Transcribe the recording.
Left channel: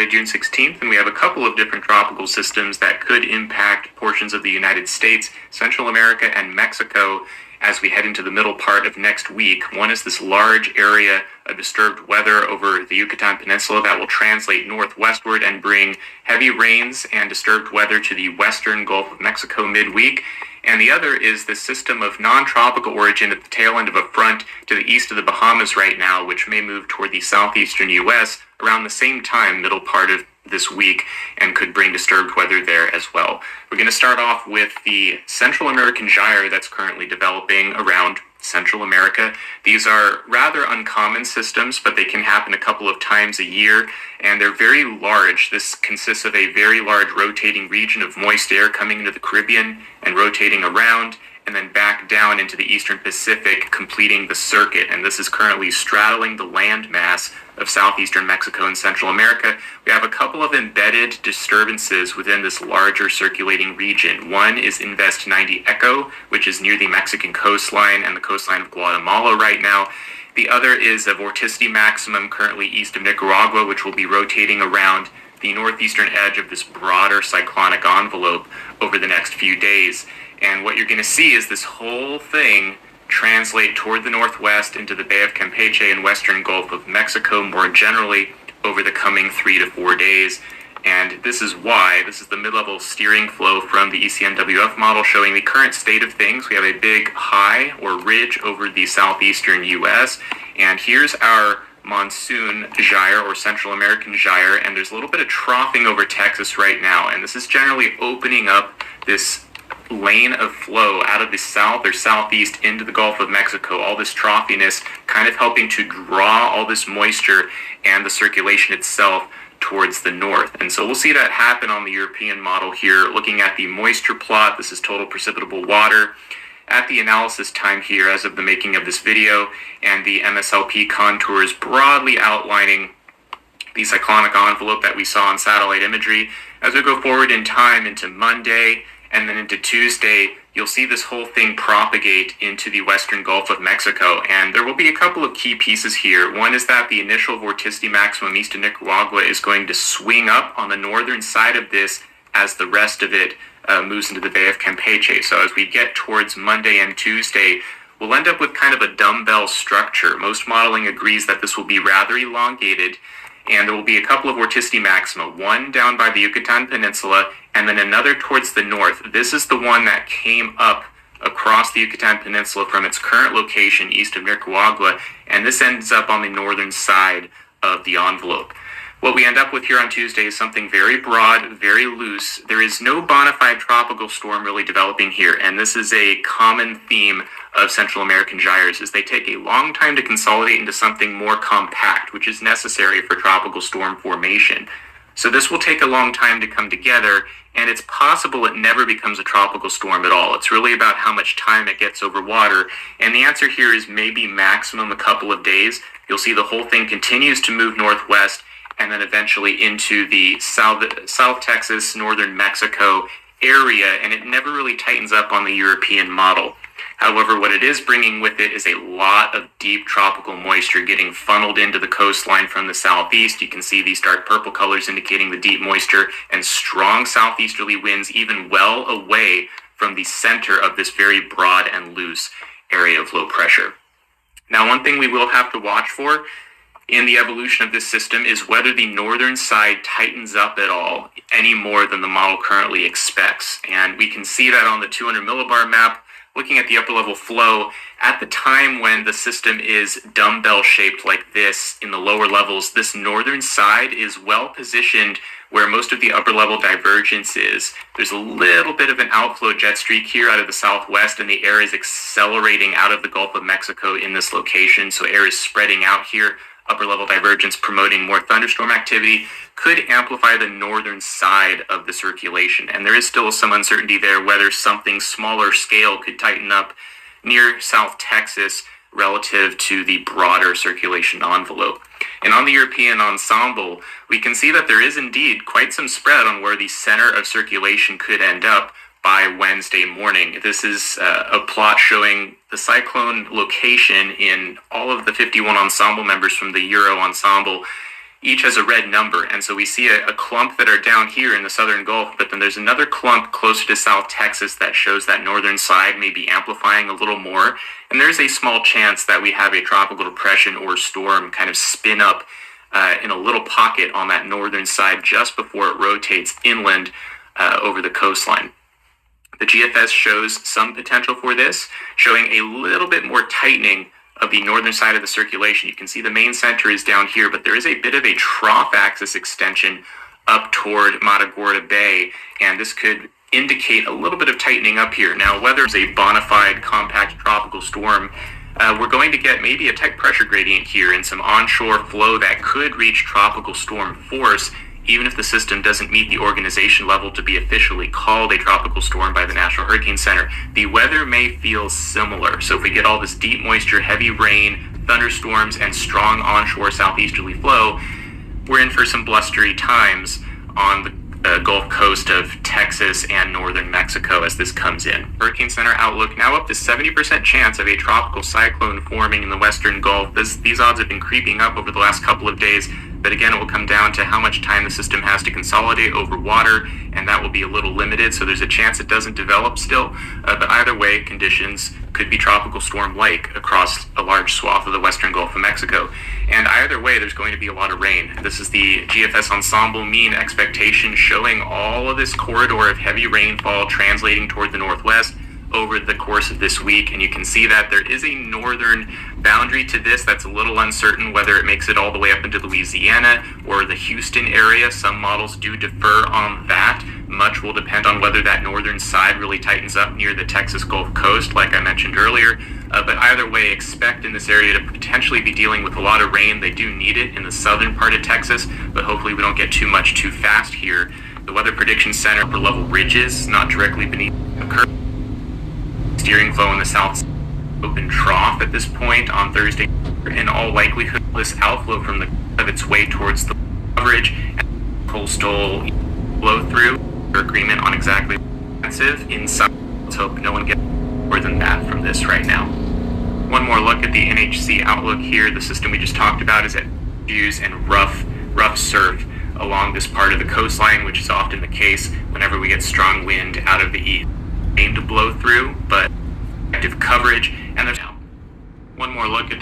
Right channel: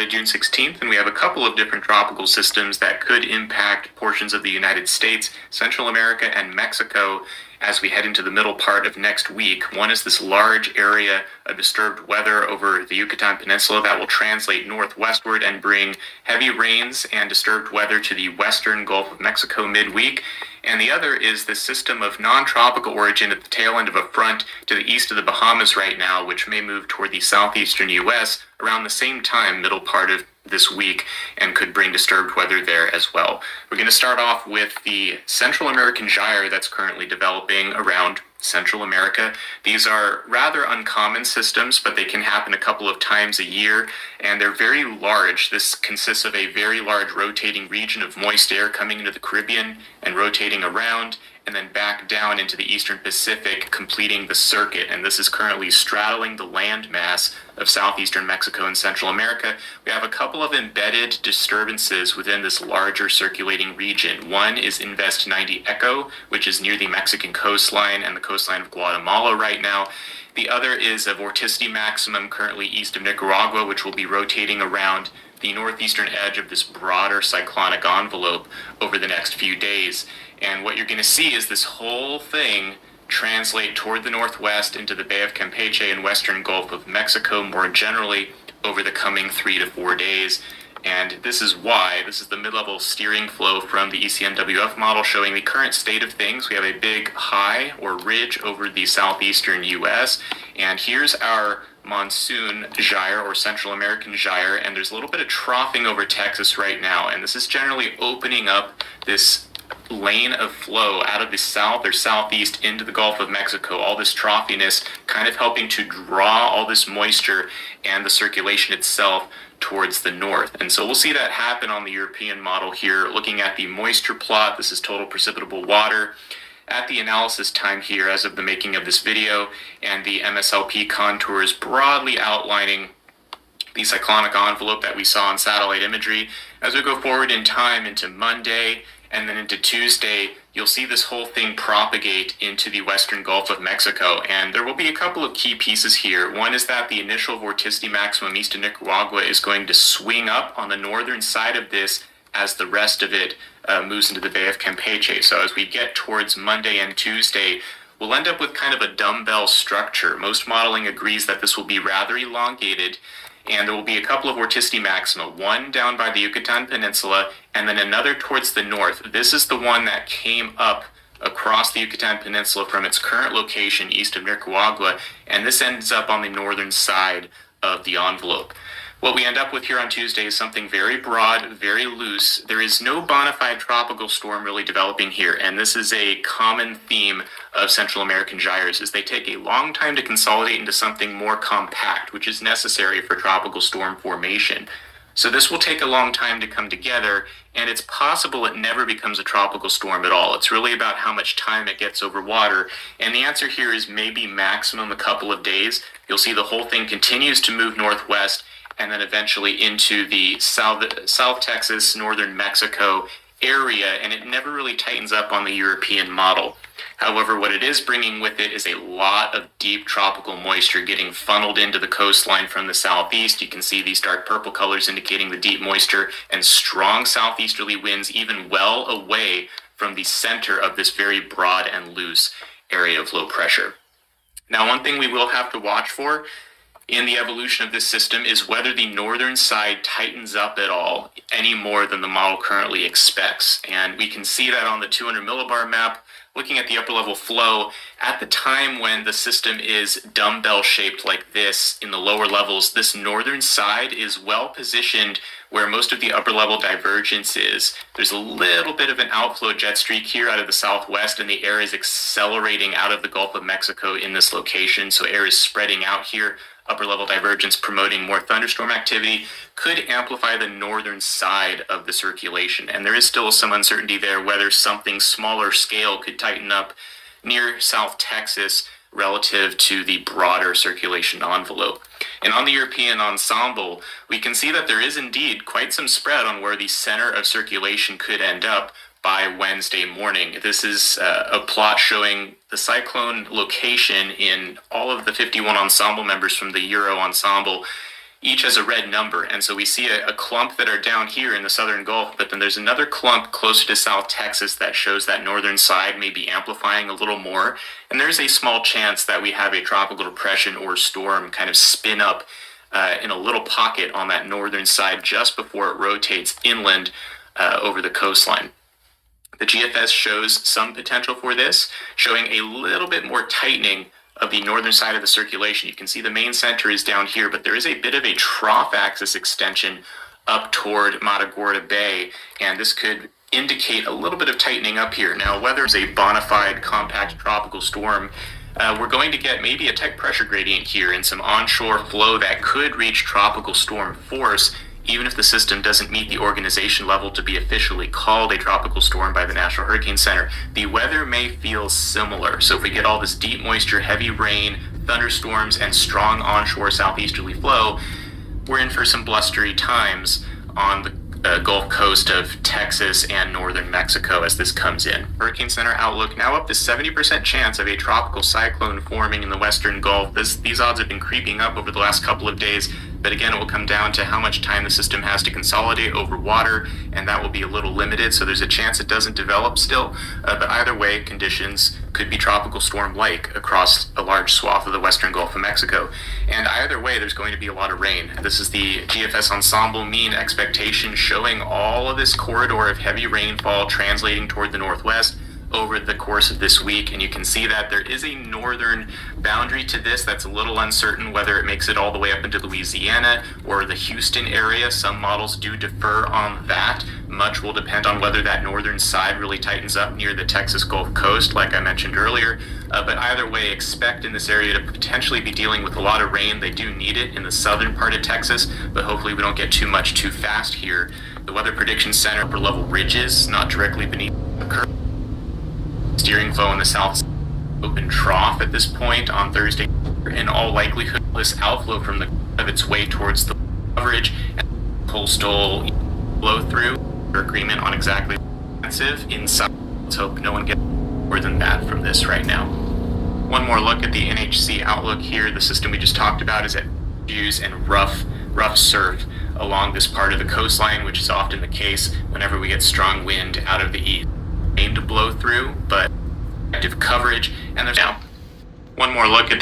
Monday, June 16th, and we have a couple of different tropical systems that could impact portions of the United States, Central America, and Mexico as we head into the middle part of next week. One is this large area of disturbed weather over the Yucatan Peninsula that will translate northwestward and bring heavy rains and disturbed weather to the western Gulf of Mexico midweek. And the other is the system of non-tropical origin at the tail end of a front to the east of the Bahamas right now, which may move toward the southeastern U.S. around the same time, middle part of this week, and could bring disturbed weather there as well. We're going to start off with the Central American gyre that's currently developing around Central America. These are rather uncommon systems, but they can happen a couple of times a year, and they're very large. This consists of a very large rotating region of moist air coming into the Caribbean and rotating around, and then back down into the eastern Pacific, completing the circuit. And this is currently straddling the landmass of southeastern Mexico and Central America. We have a couple of embedded disturbances within this larger circulating region. One is Invest 90 Echo, which is near the Mexican coastline and the coastline of Guatemala right now. The other is a vorticity maximum currently east of Nicaragua, which will be rotating around the northeastern edge of this broader cyclonic envelope over the next few days. And what you're going to see is this whole thing translate toward the northwest into the Bay of Campeche and western Gulf of Mexico more generally over the coming 3 to 4 days. And this is why, this is the mid-level steering flow from the ECNWF model showing the current state of things. We have a big high or ridge over the southeastern U.S. And here's our monsoon gyre or Central American gyre, and there's a little bit of troughing over Texas right now. And this is generally opening up this lane of flow out of the south or southeast into the Gulf of Mexico. All this troughiness kind of helping to draw all this moisture and the circulation itself towards the north. And so we'll see that happen on the European model here. Looking at the moisture plot, this is total precipitable water at the analysis time here as of the making of this video, and the MSLP contours broadly outlining the cyclonic envelope that we saw on satellite imagery. As we go forward in time into Monday and then into Tuesday, you'll see this whole thing propagate into the western Gulf of Mexico. And there will be a couple of key pieces here. One is that the initial vorticity maximum east of Nicaragua is going to swing up on the northern side of this as the rest of it moves into the Bay of Campeche. So as we get towards Monday and Tuesday, we'll end up with kind of a dumbbell structure. Most modeling agrees that this will be rather elongated, and there will be a couple of vorticity maxima, one down by the Yucatan Peninsula, and then another towards the north. This is the one that came up across the Yucatan Peninsula from its current location east of Nicaragua, and this ends up on the northern side of the envelope. What we end up with here on Tuesday is something very broad, very loose. There is no bona fide tropical storm really developing here, and this is a common theme of Central American gyres, is they take a long time to consolidate into something more compact, which is necessary for tropical storm formation. So this will take a long time to come together, and it's possible it never becomes a tropical storm at all. It's really about how much time it gets over water, and the answer here is maybe maximum a couple of days. You'll see the whole thing continues to move northwest, and then eventually into the South Texas, northern Mexico area, and it never really tightens up on the European model. However, what it is bringing with it is a lot of deep tropical moisture getting funneled into the coastline from the southeast. You can see these dark purple colors indicating the deep moisture, and strong southeasterly winds even well away from the center of this very broad and loose area of low pressure. Now, one thing we will have to watch for in the evolution of this system is whether the northern side tightens up at all any more than the model currently expects. And we can see that on the 200 millibar map, looking at the upper level flow. At the time when the system is dumbbell shaped like this in the lower levels, this northern side is well positioned where most of the upper level divergence is. There's a little bit of an outflow jet streak here out of the southwest, and the air is accelerating out of the Gulf of Mexico in this location. So air is spreading out here. Upper level divergence promoting more thunderstorm activity could amplify the northern side of the circulation. And there is still some uncertainty there whether something smaller scale could tighten up near South Texas relative to the broader circulation envelope. And on the European ensemble, we can see that there is indeed quite some spread on where the center of circulation could end up by Wednesday morning. This is a plot showing the cyclone location in all of the 51 ensemble members from the Euro ensemble. each has a red number. And so we see a clump that are down here in the southern Gulf, but then there's another clump closer to South Texas that shows that northern side may be amplifying a little more. And there's a small chance that we have a tropical depression or storm kind of spin up in a little pocket on that northern side just before it rotates inland over the coastline. The GFS shows some potential for this, showing a little bit more tightening of the northern side of the circulation. You can see the main center is down here, but there is a bit of a trough axis extension up toward Matagorda Bay, and this could indicate a little bit of tightening up here. Now, whether it's a bona fide compact tropical storm, we're going to get maybe a tight pressure gradient here and some onshore flow that could reach tropical storm force, even if the system doesn't meet the organization level to be officially called a tropical storm by the National Hurricane Center. The weather may feel similar. So if we get all this deep moisture, heavy rain, thunderstorms, and strong onshore southeasterly flow, we're in for some blustery times on the Gulf Coast of Texas and northern Mexico as this comes in. Hurricane Center outlook now up to 70% chance of a tropical cyclone forming in the western Gulf. These odds have been creeping up over the last couple of days, but again, it will come down to how much time the system has to consolidate over water, and that will be a little limited, so there's a chance it doesn't develop still, but either way, conditions could be tropical storm-like across a large swath of the western Gulf of Mexico. And either way, there's going to be a lot of rain. This is the GFS ensemble mean expectation showing all of this corridor of heavy rainfall translating toward the northwest over the course of this week, and you can see that there is a northern boundary to this that's a little uncertain whether it makes it all the way up into Louisiana or the Houston area. Some models do defer on that. Much will depend on whether that northern side really tightens up near the Texas Gulf Coast, like I mentioned earlier. But either way, expect in this area to potentially be dealing with a lot of rain. They do need it in the southern part of Texas, but hopefully we don't get too much too fast here. The Weather Prediction Center upper level ridges, not directly beneath the curve. Steering flow in the south open trough at this point on Thursday. In all likelihood, this outflow from the of its way towards the coverage and coastal flow through agreement on exactly inside. Let's hope no one gets more than that from this right now. One more look at the NHC outlook here. The system we just talked about is at views and rough surf along this part of the coastline, which is often the case whenever we get strong wind out of the east. Aim to blow through, but active coverage, and there's now one more look at the